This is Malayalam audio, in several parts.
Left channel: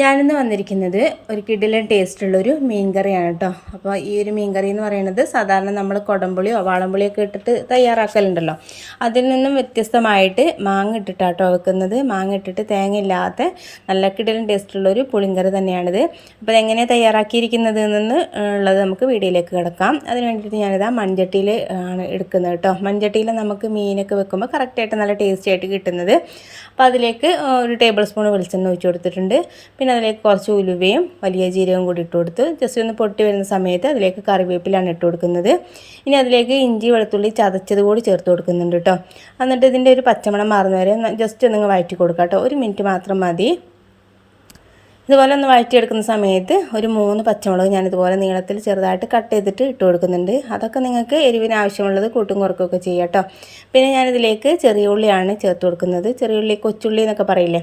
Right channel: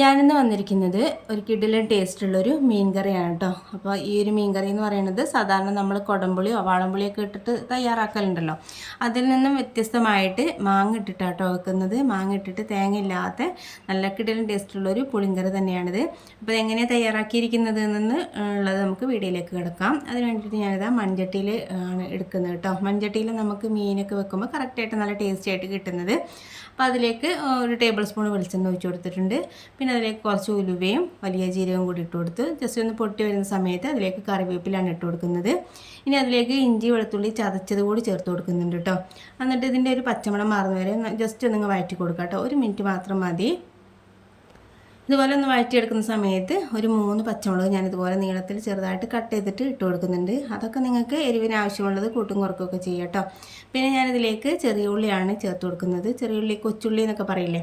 ഞാനിന്ന് വന്നിരിക്കുന്നത് ഒരു കിടിലൻ ടേസ്റ്റുള്ളൊരു മീൻ കറിയാണ് കേട്ടോ. അപ്പോൾ ഈ ഒരു മീൻ കറി എന്ന് പറയുന്നത് സാധാരണ നമ്മൾ കുടംപുളിയോ വാളംപുളിയൊക്കെ ഇട്ടിട്ട് തയ്യാറാക്കലുണ്ടല്ലോ, അതിൽ നിന്നും വ്യത്യസ്തമായിട്ട് മാങ്ങ ഇട്ടിട്ടാട്ടോ വെക്കുന്നത്. മാങ്ങ ഇട്ടിട്ട് തേങ്ങ ഇല്ലാത്ത നല്ല കിടിലൻ ടേസ്റ്റുള്ളൊരു പുളിങ്കറി തന്നെയാണിത്. അപ്പോൾ എങ്ങനെയാണ് തയ്യാറാക്കിയിരിക്കുന്നത് എന്ന് ഉള്ളത് നമുക്ക് വീഡിയോയിലേക്ക് കിടക്കാം. അതിന് വേണ്ടിയിട്ട് ഞാനിതാ മൺചട്ടിയിൽ ആണ് എടുക്കുന്നത് കേട്ടോ. മൺചട്ടിയിൽ നമുക്ക് മീനൊക്കെ വെക്കുമ്പോൾ കറക്റ്റായിട്ട് നല്ല ടേസ്റ്റി ആയിട്ട് കിട്ടുന്നത്. അപ്പോൾ അതിലേക്ക് ഒരു ടേബിൾ സ്പൂൺ വെളിച്ചെണ്ണ ഒഴിച്ച് കൊടുത്തിട്ടുണ്ട്. പിന്നെ അതിലേക്ക് കുറച്ച് ഉലുവയും വലിയ ജീരകവും കൂടി ഇട്ട് കൊടുത്ത് ജസ്റ്റ് ഒന്ന് പൊട്ടി വരുന്ന സമയത്ത് അതിലേക്ക് കറിവേപ്പിലാണ് ഇട്ട് കൊടുക്കുന്നത്. ഇനി അതിലേക്ക് ഇഞ്ചി വെളുത്തുള്ളി ചതച്ചത് കൂടി ചേർത്ത് കൊടുക്കുന്നുണ്ട് കേട്ടോ. എന്നിട്ട് ഇതിൻ്റെ ഒരു പച്ചമണം മാറുന്ന വരെ ജസ്റ്റ് ഒന്ന് വഴറ്റി കൊടുക്കാം കേട്ടോ. 1 മിനിറ്റ് മാത്രം മതി. ഇതുപോലെ ഒന്ന് വഴറ്റിയെടുക്കുന്ന സമയത്ത് ഒരു 3 പച്ചമുളക് ഞാനിതുപോലെ നീളത്തിൽ ചെറുതായിട്ട് കട്ട് ചെയ്തിട്ട് ഇട്ട് കൊടുക്കുന്നുണ്ട്. അതൊക്കെ നിങ്ങൾക്ക് എരിവിന് ആവശ്യമുള്ളത് കൂട്ടും കുറക്കുകയൊക്കെ ചെയ്യാം കേട്ടോ. പിന്നെ ഞാനിതിലേക്ക് ചെറിയ ഉള്ളിയാണ് ചേർത്ത് കൊടുക്കുന്നത്. ചെറിയ ഉള്ളി കൊച്ചുള്ളി എന്നൊക്കെ പറയില്ലേ,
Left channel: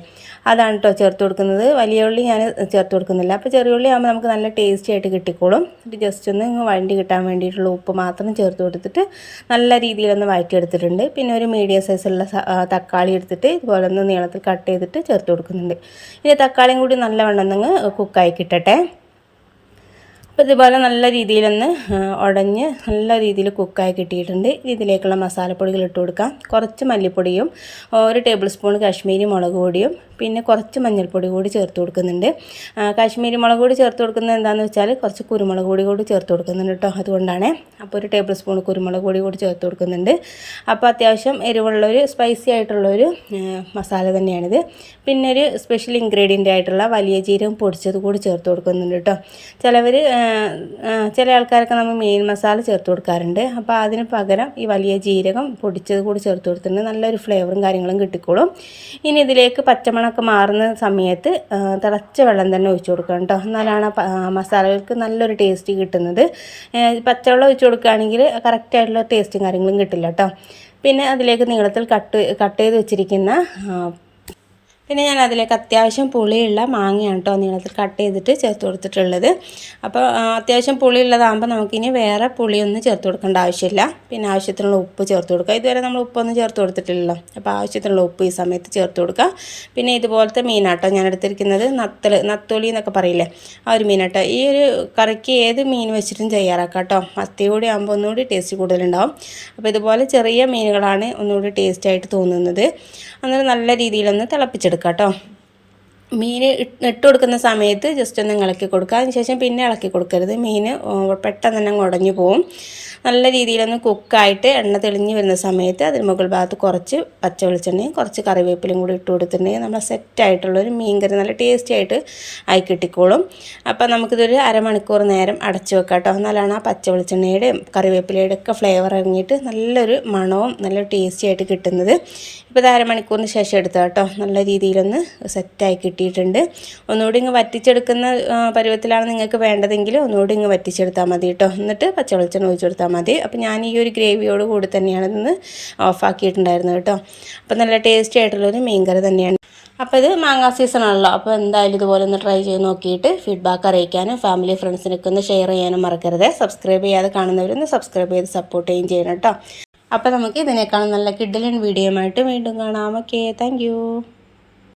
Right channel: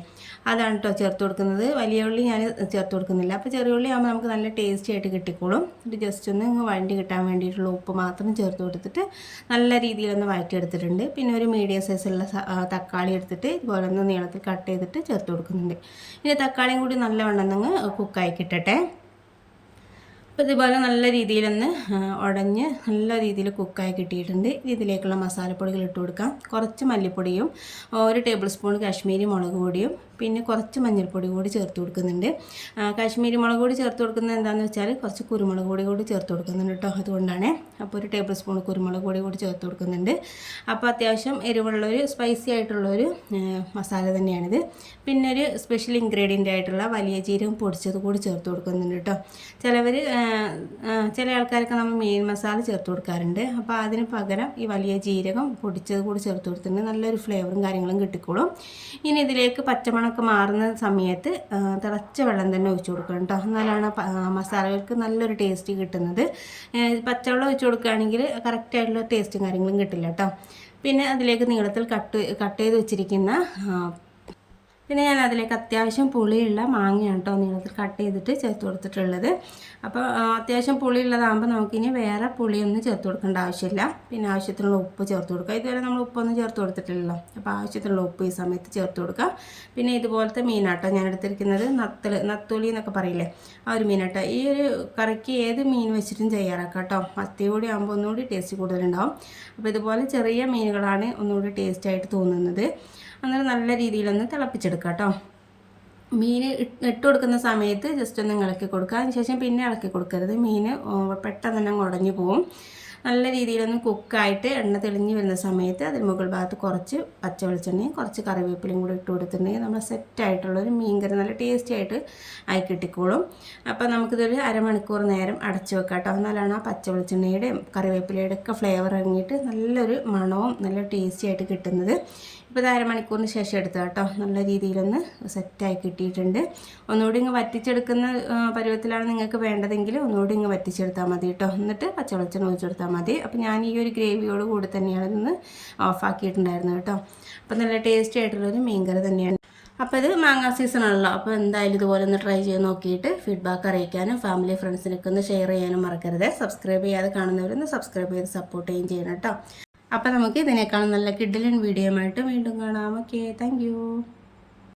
അതാണ് കേട്ടോ ചേർത്ത് കൊടുക്കുന്നത്. വലിയ ഉള്ളി ഞാൻ ചേർത്ത് കൊടുക്കുന്നില്ല. അപ്പോൾ ചെറിയ ഉള്ളി ആകുമ്പോൾ നമുക്ക് നല്ല ടേസ്റ്റി ആയിട്ട് കിട്ടിക്കോളും. ഇത് ജസ്റ്റ് ഒന്ന് വഴണ്ടി കിട്ടാൻ വേണ്ടിയിട്ടുള്ള ഉപ്പ് മാത്രം ചേർത്ത് കൊടുത്തിട്ട് നല്ല രീതിയിലൊന്ന് വഴറ്റിയെടുത്തിട്ടുണ്ട്. പിന്നെ ഒരു മീഡിയം സൈസുള്ള തക്കാളി എടുത്തിട്ട് ഇതുപോലെ ഒന്ന് നീളത്തിൽ കട്ട് ചെയ്തിട്ട് ചേർത്ത് കൊടുക്കുന്നുണ്ട്. ഇനി തക്കാളിയും കൂടി നല്ലവണ്ണം ഒന്ന് കുക്കായി കിട്ടട്ടെ. അപ്പോൾ ഇതുപോലെ നല്ല രീതിയിലൊന്ന് ഉടഞ്ഞ് നല്ല രീതിയിൽ കുക്കായി കിട്ടിയിട്ടുണ്ട്. ഇതിലേക്കുള്ള മസാലപ്പൊടികൾ ഇട്ട് കൊടുക്കാം. കുറച്ച് മല്ലിപ്പൊടിയും 1 ടേബിൾ സ്പൂൺ കാശ്മീരി മുളക് പൊടിയും പിന്നെ കുറച്ച് മഞ്ഞൾപ്പൊടി കൂടി ചേർത്ത് കൊടുക്കുന്നുണ്ട്. കാശ്മീരി മുളക് പൊടി ചേർത്ത് കൊടുക്കുന്നത് എന്താണെന്ന് വെച്ചാൽ കുറച്ച് കുരുമുളക് പൊടി കൂടി ചേർത്ത് കൊടുക്കുന്നുണ്ട് കേട്ടോ. അതുകൊണ്ടാണ്. അപ്പോൾ 1 ടേബിൾ സ്പൂൺ കുരുമുളക് പൊടി കൂടി ചേർത്ത് കൊടുക്കുന്നുണ്ട്. അപ്പോൾ അത്യാവശ്യം എരിവുള്ളൊരു സ്പൈസി ആയിട്ടുള്ളൊരു മസാല തന്നെയാണിത്. പിന്നെ ഒരു സ്പെഷ്യൽ ഇൻഗ്രീഡിയൻ്റ് ആയിട്ടുള്ള വലിയ ജീരകം പൊടിച്ചത് കൂടി ചേർത്ത് കൊടുക്കുന്നുണ്ട് കേട്ടോ. ചില ആൾക്കാരൊക്കെ നമ്മൾ മീൻ മസാല ചേർത്ത് കൊടുക്കാറുണ്ട്. അപ്പോൾ അതിന് പകരം ഈ വലിയ ജീരകം പൊടിച്ചത് കൂടി ചേർത്ത് കൊടുത്തിട്ടുണ്ട്. നല്ലൊരു ഫ്ലേവറും കാര്യങ്ങളും കിട്ടിക്കോളും. ഇനി ഇതിലേക്ക് പച്ചമണമൊക്കെ മാറുന്ന സമയത്ത് തിളച്ച വെള്ളം തന്നെ ഒഴിച്ച് കൊടുക്കണം കേട്ടോ. എന്നാലാണ് മസാലകൾക്ക് നല്ലൊരു ടേസ്റ്റ് കിട്ടുന്നത്. പച്ചവെള്ളം ഒഴിച്ച് കൊടുക്കുകയാണെങ്കിൽ കറക്റ്റായിട്ടുള്ള ടേസ്റ്റും കാര്യങ്ങളും കിട്ടില്ല കേട്ടോ. പിന്നെ അതിലേക്ക് നീളത്തിൽ കട്ട് ചെയ്ത് വെച്ചിരിക്കുന്ന പിന്നെ ഞാൻ അതിലേക്ക് അത്യാവശ്യം പുളിയുള്ള മാങ്ങയാണ് കേട്ടോ നീളത്തിൽ കട്ട് ചെയ്തിട്ട് ചേർത്ത് കൊടുത്തിട്ടുള്ളത്. അപ്പോൾ അത്യാവശ്യം പുളിയുള്ളതാകുമ്പോൾ നമുക്കിനി വേറെ പുളിയൊന്നും ചേർത്ത് കൊടുക്കേണ്ട ആവശ്യമില്ല. പിന്നെ ആവശ്യത്തിനുള്ള ഉപ്പ് ചേർത്ത് കൊടുക്കുക. ഇതുവരെ നമ്മൾ ഉപ്പൊന്നും ചേർത്ത് കൊടുത്തിട്ടില്ലല്ലോ. അപ്പോൾ ആവശ്യത്തിനുള്ള ഉപ്പ് ഈ സമയത്ത് ചേർത്ത് കൊടുക്കുക. പിന്നെ ഇതുപോലത്തെ മീനാട്ടോ ഞാൻ എടുത്തിരിക്കുന്നത്. നത്തോലി എന്നൊക്കെ പറയില്ലേ, ആ ഒരു മീനാട്ടോ. ഈ ഒരു കറിക്ക് ഏത് മീൻ വെച്ചിട്ടും തയ്യാറാക്കാം കേട്ടോ. മത്തി കൂടി ആകുമ്പോൾ ഒന്നുകൂടി ടേസ്റ്റ് കൂടുതലുണ്ടാവും. അപ്പോൾ ഇതുപോലെ ചെറിയ മീനുകളാണ് ഒന്നുകൂടി ടേസ്റ്റായിട്ട് തോന്നുന്നത്. അന്നേരം നല്ല രീതിയിലൊന്ന് തിളപ്പിച്ചെടുക്കാം കേട്ടോ. മീൻ ഇട്ട് കൊടുക്കുന്ന സമയത്ത് ജസ്റ്റ് ഒന്ന് ഇളക്കി കൊടുക്കുക. അതിന് ശേഷം പിന്നെ ഇളക്കി കൊടുക്കരുത്. മീൻ പെട്ടെന്ന് തന്നെ ഉടഞ്ഞു പോവും. നല്ല രീതിയിലൊന്ന് കുക്കായിട്ട് എണ്ണ തെളിഞ്ഞ് വരുന്ന സമയത്ത് അതിന് മുകൾ ഭാഗത്ത് കുറച്ച് പച്ച വെളിച്ചെണ്ണയും കുറച്ച് കറിവേപ്പിലയും കൂടി ഇട്ട് കൊടുത്തിട്ടുണ്ടെങ്കിൽ നമ്മൾ സെറ്റായിട്ടുള്ളൊരു മീൻ കറി നല്ല ടേസ്റ്റി ആയിട്ട് ആയി കിട്ടിക്കോളും. അപ്പോൾ നമുക്കിതൊരു അരമണിക്കൂർ നേരം അടച്ചു വെക്കാം കേട്ടോ. എന്നാലാണ് ആ പച്ച വെളിച്ചെണ്ണയുടെയും കറിവേപ്പിലയുടെ ഒക്കെ ഫ്ലേവർ ഇറങ്ങിയിട്ട് നല്ലൊരു മണവും നല്ല ടേസ്റ്റി ആയിട്ട് കിട്ടുന്നത്. ഇപ്പോൾ ഇത് അരമണിക്കൂറിന് ശേഷം എടുത്താൽ കേട്ടോ നല്ല രീതിയിലൊന്ന് സെറ്റായി കിട്ടിയിട്ടുണ്ട്. ഒന്നുകൂടി ഇങ്ങ് വറ്റിച്ചെടുക്കുന്ന പരുവത്തിലാണ് നിങ്ങൾക്ക് വേണ്ടതെങ്കിൽ ഒന്നുകൂടി ഇങ്ങ് വറ്റിച്ചെടുത്താൽ മതി കേട്ടോ. എന്നിട്ട് പച്ചവെളിച്ചെണ്ണ ഒഴിച്ച് കൊടുത്താൽ മതി. അപ്പോൾ ഞാൻ ഈ ഒരു ഗ്രേവിയോട് കൂടി തന്നെയാണ് ഇന്ന് ഓഫാക്കിയിട്ടുണ്ടായിരുന്നത് കേട്ടോ. അപ്പോൾ നല്ല ടേസ്റ്റി ആയിട്ടുള്ളൊരു മീൻ കറി തന്നെയാണ്. അപ്പോൾ ഇത് മാങ്ങാ സീസണാണല്ലോ. അപ്പോൾ എന്തായാലും ഇതുപോലെ ഒന്ന് ട്രൈ ചെയ്ത് നോക്കിയിട്ട് ഫീഡ്ബാക്ക് അറിയിക്കാനും ഫാമിലി ഫ്രണ്ട്സിനൊക്കെ ഒന്ന് ഷെയർ ചെയ്യാനും മറക്കരുത്. സബ്സ്ക്രൈബ് ചെയ്യാതെ കാണുന്നവരൊന്ന് സബ്സ്ക്രൈബ് ചെയ്ത് സപ്പോർട്ട് ചെയ്യുകയും ചെയ്യണം കേട്ടോ. അപ്പോൾ നമുക്ക് ഇതിനേക്കാളും നല്ല കിഡിലൻ വീഡിയോയുമായിട്ട് വീണ്ടും കാണാം. Okay, thank